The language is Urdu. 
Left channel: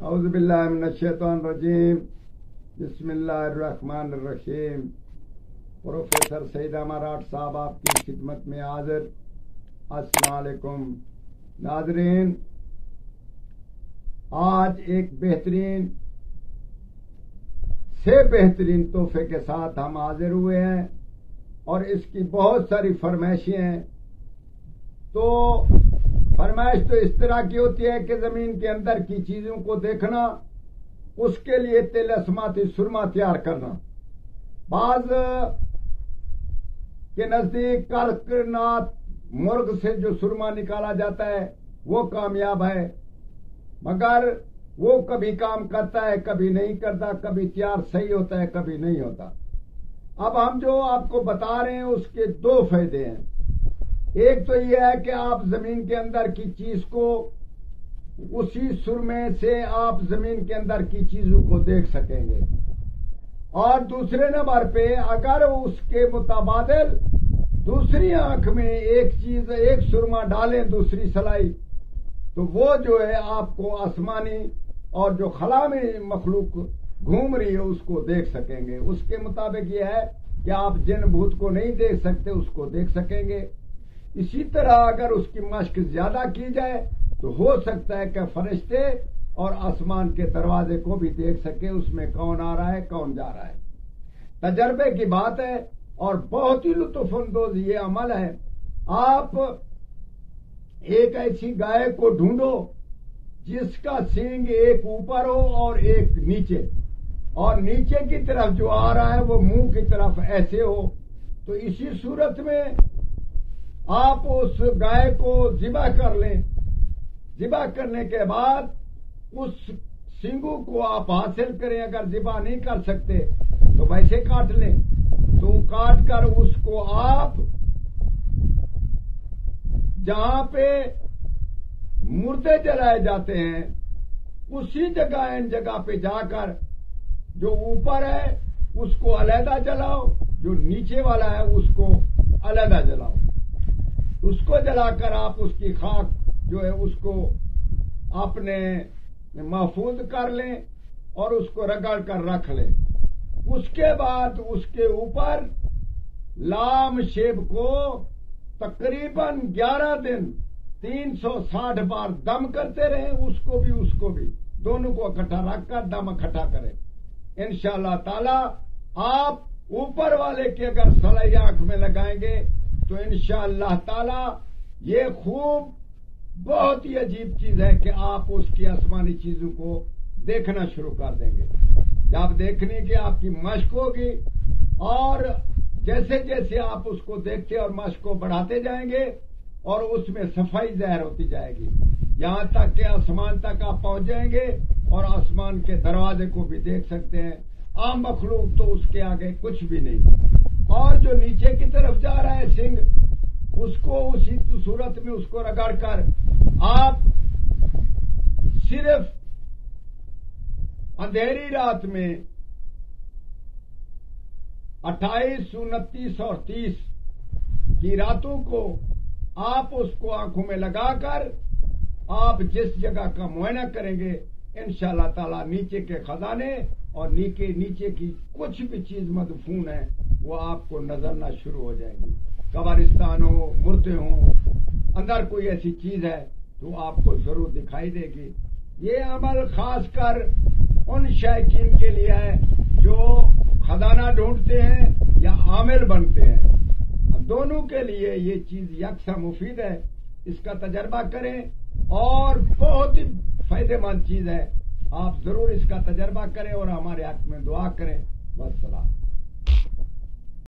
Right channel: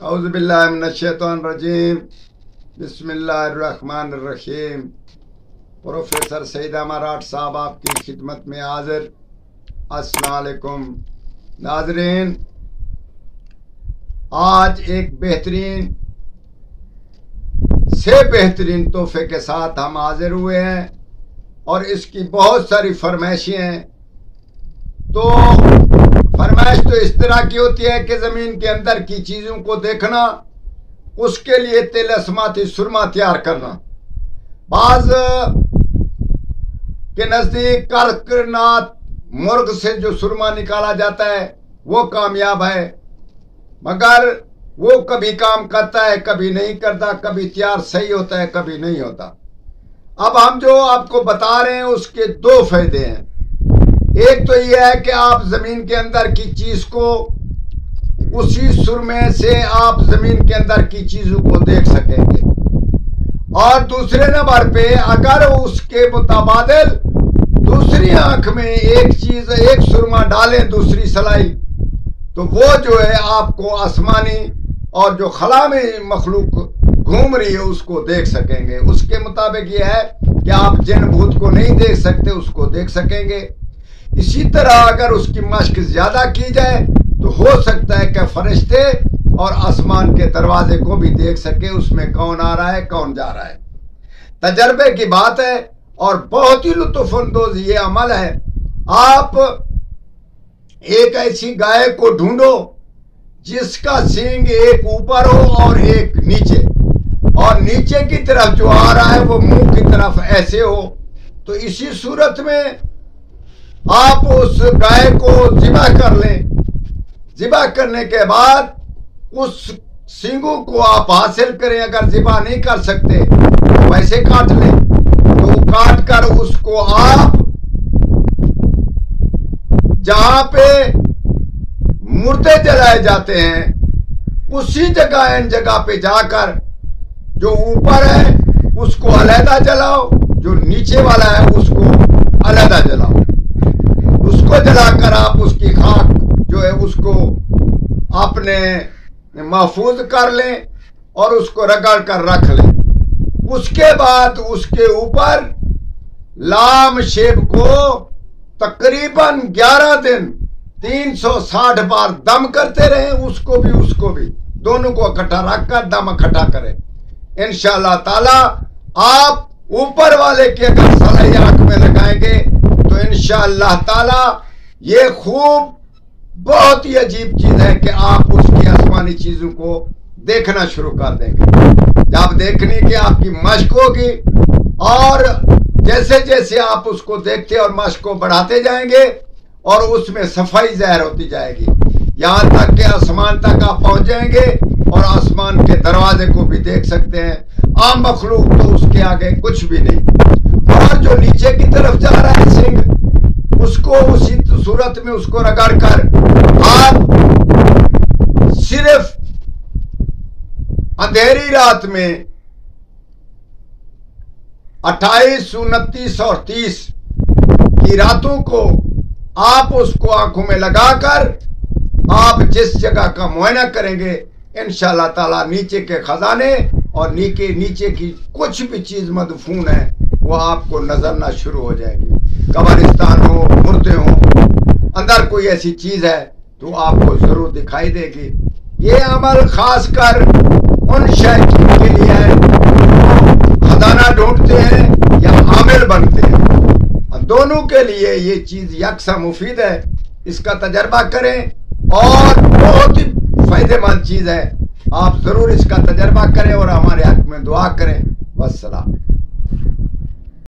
اعوذ باللہ من الشیطان الرجیم بسم اللہ الرحمن الرحیم۔ پروفیسر سعید امارات صاحب آپ کی خدمت میں حاضر۔ السلام علیکم ناظرین، آج ایک بہترین سے بہترین تحفے کے ساتھ ہم حاضر ہوئے ہیں اور اس کی بہت ساری فرمائشیں ہیں۔ تو فرمائش تو اس طرح کی ہوتی ہے کہ زمین کے اندر کی چیزوں کو دیکھنا، اس کے لیے طلسماتی سرما تیار کرنا۔ بعض کے نزدیک کرکنات مرغ سے جو سرما نکالا جاتا ہے وہ کامیاب ہے، مگر وہ کبھی کام کرتا ہے کبھی نہیں کرتا، کبھی تیار صحیح ہوتا ہے کبھی نہیں ہوتا۔ اب ہم جو آپ کو بتا رہے ہیں اس کے دو فائدے ہیں۔ ایک تو یہ ہے کہ آپ زمین کے اندر کی چیز کو اسی سرمے سے آپ زمین کے اندر کی چیزوں کو دیکھ سکیں گے، اور دوسرے نمبر پہ اگر اس کے متبادل دوسری آنکھ میں ایک سرما ڈالیں دوسری سلائی، تو وہ جو ہے آپ کو آسمانی اور جو خلا میں مخلوق گھوم رہی ہے اس کو دیکھ سکیں گے۔ اس کے مطابق یہ ہے کہ آپ جن بھوت کو نہیں دیکھ سکتے اس کو دیکھ سکیں گے۔ اسی طرح اگر اس کی مشق زیادہ کی جائے تو ہو سکتا ہے کہ فرشتے اور آسمان کے دروازے کو بھی دیکھ سکے، اس میں کون آ رہا ہے کون جا رہا ہے۔ تجربے کی بات ہے اور بہت ہی لطف اندوز یہ عمل ہے۔ آپ ایک ایسی گائے کو ڈھونڈو جس کا سینگ ایک اوپر ہو اور ایک نیچے، اور نیچے کی طرف جو آ رہا ہے وہ منہ کی طرف ایسے ہو، تو اسی صورت میں آپ اس گائے کو ذبح کر لیں۔ ذبح کرنے کے بعد اس سینگوں کو آپ حاصل کریں۔ اگر ذبح نہیں کر سکتے تو ویسے کاٹ لیں، تو کاٹ کر اس کو آپ جہاں پہ مردے جلائے جاتے ہیں اسی جگہ ان جگہ پہ جا کر جو اوپر ہے اس کو علیحدہ جلاؤ، جو نیچے والا ہے اس کو علیحدہ جلاؤ۔ اس کو جلا کر آپ اس کی خاک جو ہے اس کو اپنے محفوظ کر لیں اور اس کو رگڑ کر رکھ لیں۔ اس کے بعد اس کے اوپر لام شیب کو تقریباً 11 دن 360 بار دم کرتے رہیں، اس کو بھی دونوں کو اکٹھا رکھ کر دم اکٹھا کریں۔ انشاءاللہ تعالی آپ اوپر والے کی اگر سلائی آنکھ میں لگائیں گے تو انشاءاللہ تعالی یہ خوب بہت ہی عجیب چیز ہے کہ آپ اس کی آسمانی چیزوں کو دیکھنا شروع کر دیں گے۔ جب دیکھنے کی آپ کی مشق ہوگی اور جیسے جیسے آپ اس کو دیکھتے اور مشق کو بڑھاتے جائیں گے اور اس میں صفائی ظاہر ہوتی جائے گی، یہاں تک کہ آسمان تک آپ پہنچ جائیں گے اور آسمان کے دروازے کو بھی دیکھ سکتے ہیں۔ عام مخلوق تو اس کے آگے کچھ بھی نہیں، اور جو نیچے کی طرف جا رہا ہے سنگ، اس کو اسی صورت میں اس کو رگڑ کر آپ صرف اندھیری رات میں 28، 29 اور 30 کی راتوں کو آپ اس کو آنکھوں میں لگا کر آپ جس جگہ کا معائنہ کریں گے انشاءاللہ تعالی نیچے کے خزانے اور نیچے کی کچھ بھی چیز مدفون ہے وہ آپ کو نظرنا شروع ہو جائے گی۔ قبرستان ہو، مردے ہوں، اندر کوئی ایسی چیز ہے تو آپ کو ضرور دکھائی دے گی۔ یہ عمل خاص کر ان شائقین کے لیے ہے جو خزانہ ڈھونڈتے ہیں یا عامل بنتے ہیں، دونوں کے لیے یہ چیز یکساں مفید ہے۔ اس کا تجربہ کریں اور بہت ہی فائدہ مند چیز ہے، آپ ضرور اس کا تجربہ کریں اور ہمارے حق میں دعا کریں۔ والسلام۔